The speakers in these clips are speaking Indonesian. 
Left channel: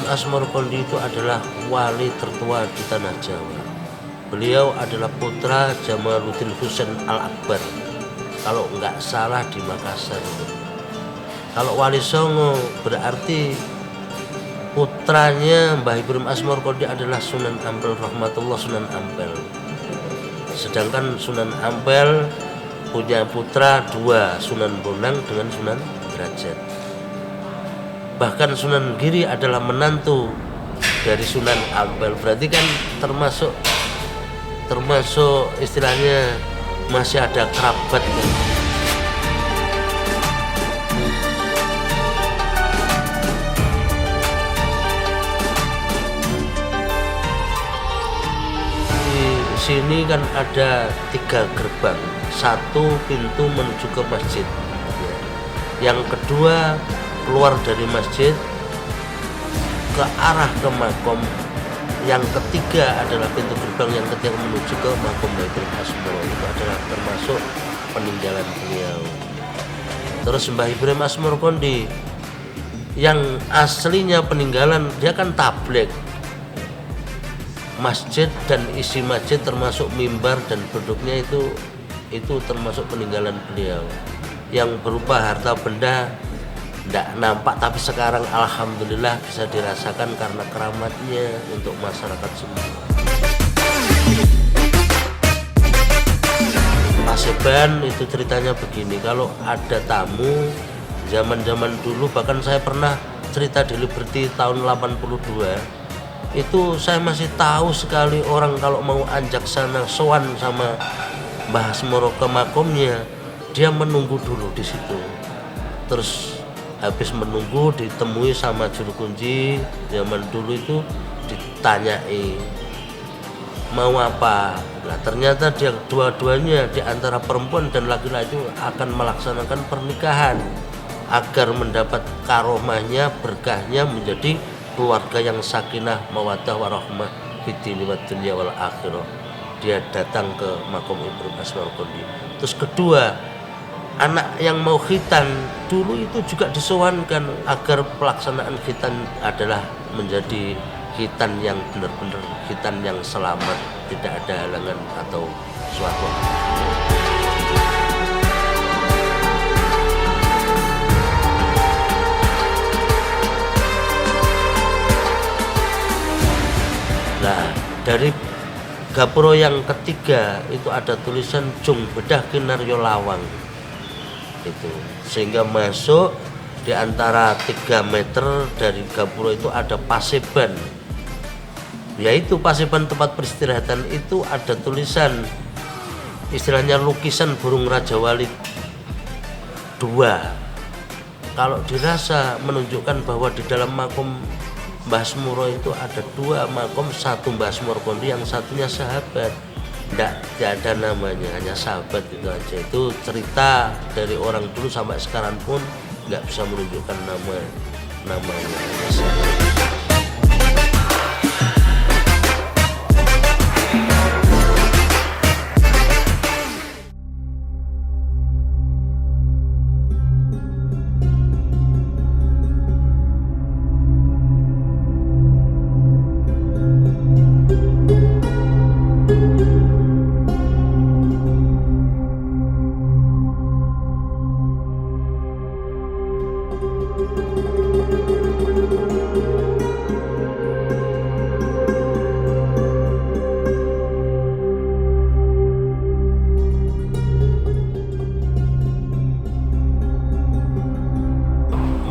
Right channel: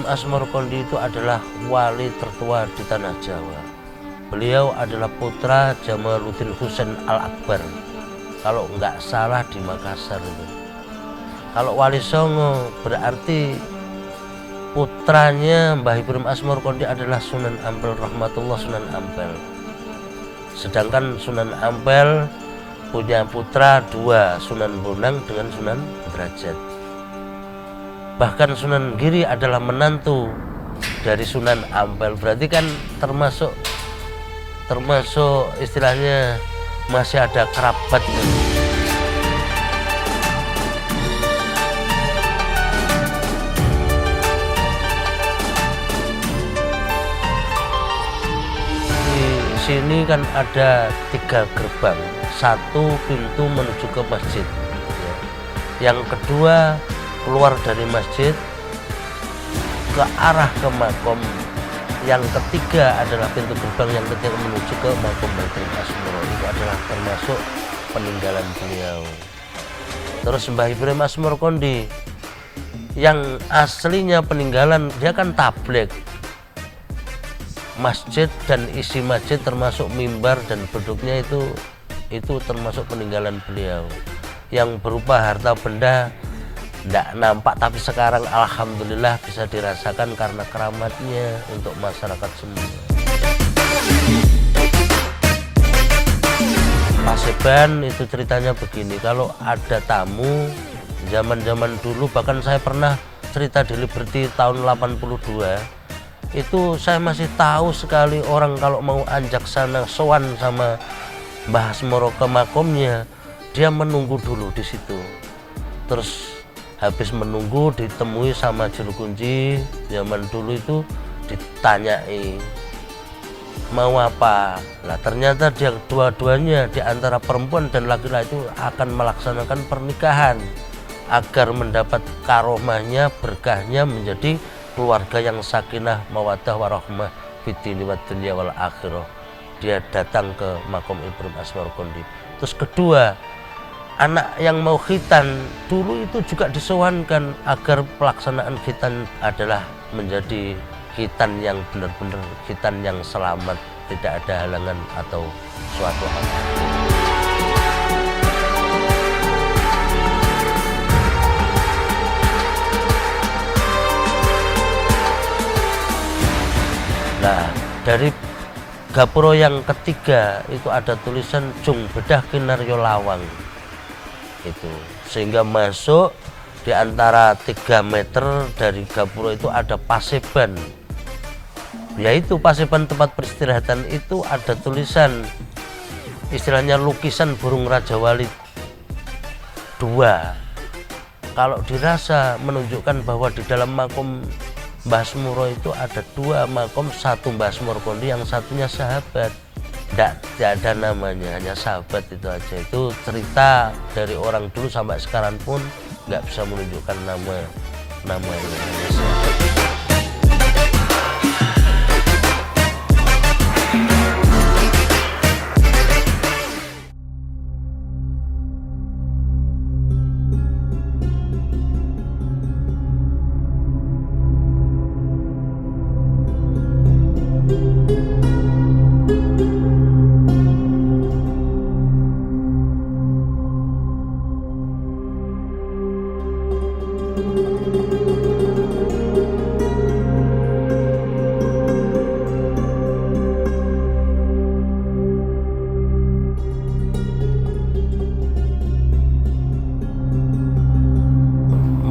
Ibrahim Asmorokondi itu adalah wali tertua di tanah Jawa. Beliau adalah putra Jamaluddin Husain Al-Akbar, kalau nggak salah di Makassar. Kalau Wali Songo berarti putranya Mbah Ibrahim Asmorokondi adalah Sunan Ampel Rahmatullah Sunan Ampel. Sedangkan Sunan Ampel punya putra dua, Sunan Bonang dengan Sunan Derajat. Bahkan Sunan Giri adalah menantu dari Sunan Ampel, berarti kan termasuk istilahnya masih ada kerabat gitu. Di sini kan ada 3 gerbang, satu pintu menuju ke masjid, yang kedua keluar dari masjid ke arah ke makom, yang ketiga adalah pintu gerbang yang ketiga menuju ke makom Baitul Asmoro. Itu adalah termasuk peninggalan beliau. Terus Mbah Ibrahim Asmorokondi yang aslinya peninggalan, dia kan tabligh. Masjid dan isi masjid termasuk mimbar dan duduknya itu termasuk peninggalan beliau. Yang berupa harta benda tidak nampak, tapi sekarang alhamdulillah bisa dirasakan karena keramatnya untuk masyarakat semua. Paseban itu ceritanya begini, kalau ada tamu zaman dulu, bahkan saya pernah cerita di Liberty tahun 82, itu saya masih tahu sekali orang kalau mau anjak sana sowan sama Mbah Asmoro ke makomnya, dia menunggu dulu di situ. Terus habis menunggu ditemui sama juru kunci. Zaman dulu itu ditanyai mau apa. Nah, ternyata dia dua-duanya di antara perempuan dan laki-laki akan melaksanakan pernikahan agar mendapat karomahnya, berkahnya menjadi keluarga yang sakinah mawaddah warahmah fid dini wad dunya wal akhirah. Dia datang ke makom Ibrahim Asmorokondi. Terus kedua, anak yang mau khitan dulu itu juga disowankan agar pelaksanaan khitan adalah menjadi khitan yang benar-benar khitan yang selamat, tidak ada halangan atau suatu. Nah, dari gapura yang ketiga itu ada tulisan Jung Bedah Kinaryo Lawang. Itu sehingga masuk di antara 3 meter dari gapura itu ada paseban, yaitu paseban tempat peristirahatan. Itu ada tulisan istilahnya lukisan burung Raja Wali 2. Kalau dirasa menunjukkan bahwa di dalam makom Mbah Asmoro itu ada 2 makom, satu Mbah Asmorokondi, yang satunya sahabat. Tidak ada namanya, hanya sahabat itu aja. Itu cerita dari orang dulu sampai sekarang pun nggak bisa menunjukkan namanya, hanya sahabat.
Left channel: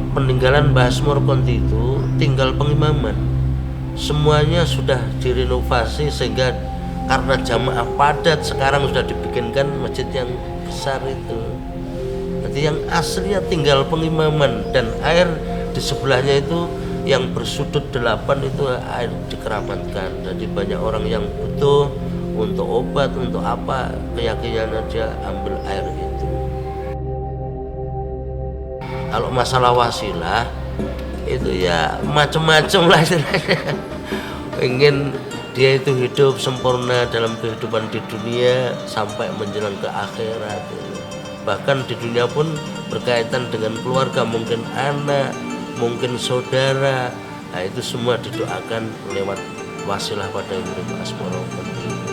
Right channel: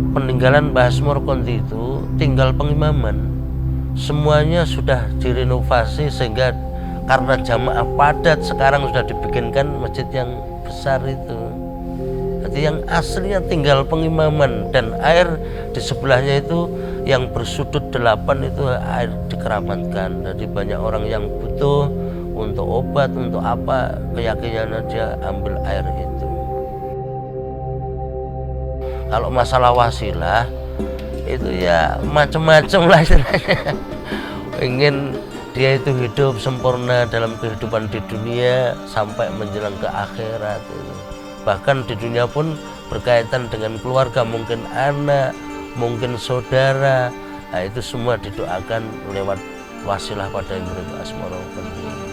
Peninggalan Mbah Asmorokondi itu tinggal pengimaman, semuanya sudah direnovasi sehingga karena jamaah padat sekarang sudah dibikinkan masjid yang besar itu. Jadi yang aslinya tinggal pengimaman, dan air di sebelahnya itu yang bersudut 8 itu air dikeramatkan. Jadi banyak orang yang butuh untuk obat, untuk apa, keyakinan aja ambil air itu. Kalau masalah wasilah itu ya macam-macam lah istilahnya. Pengen dia itu hidup sempurna dalam kehidupan di dunia sampai menjelang ke akhirat. Bahkan di dunia pun berkaitan dengan keluarga, mungkin anak, mungkin saudara, Nah itu semua didoakan lewat wasilah pada murid Baskoro Menteri.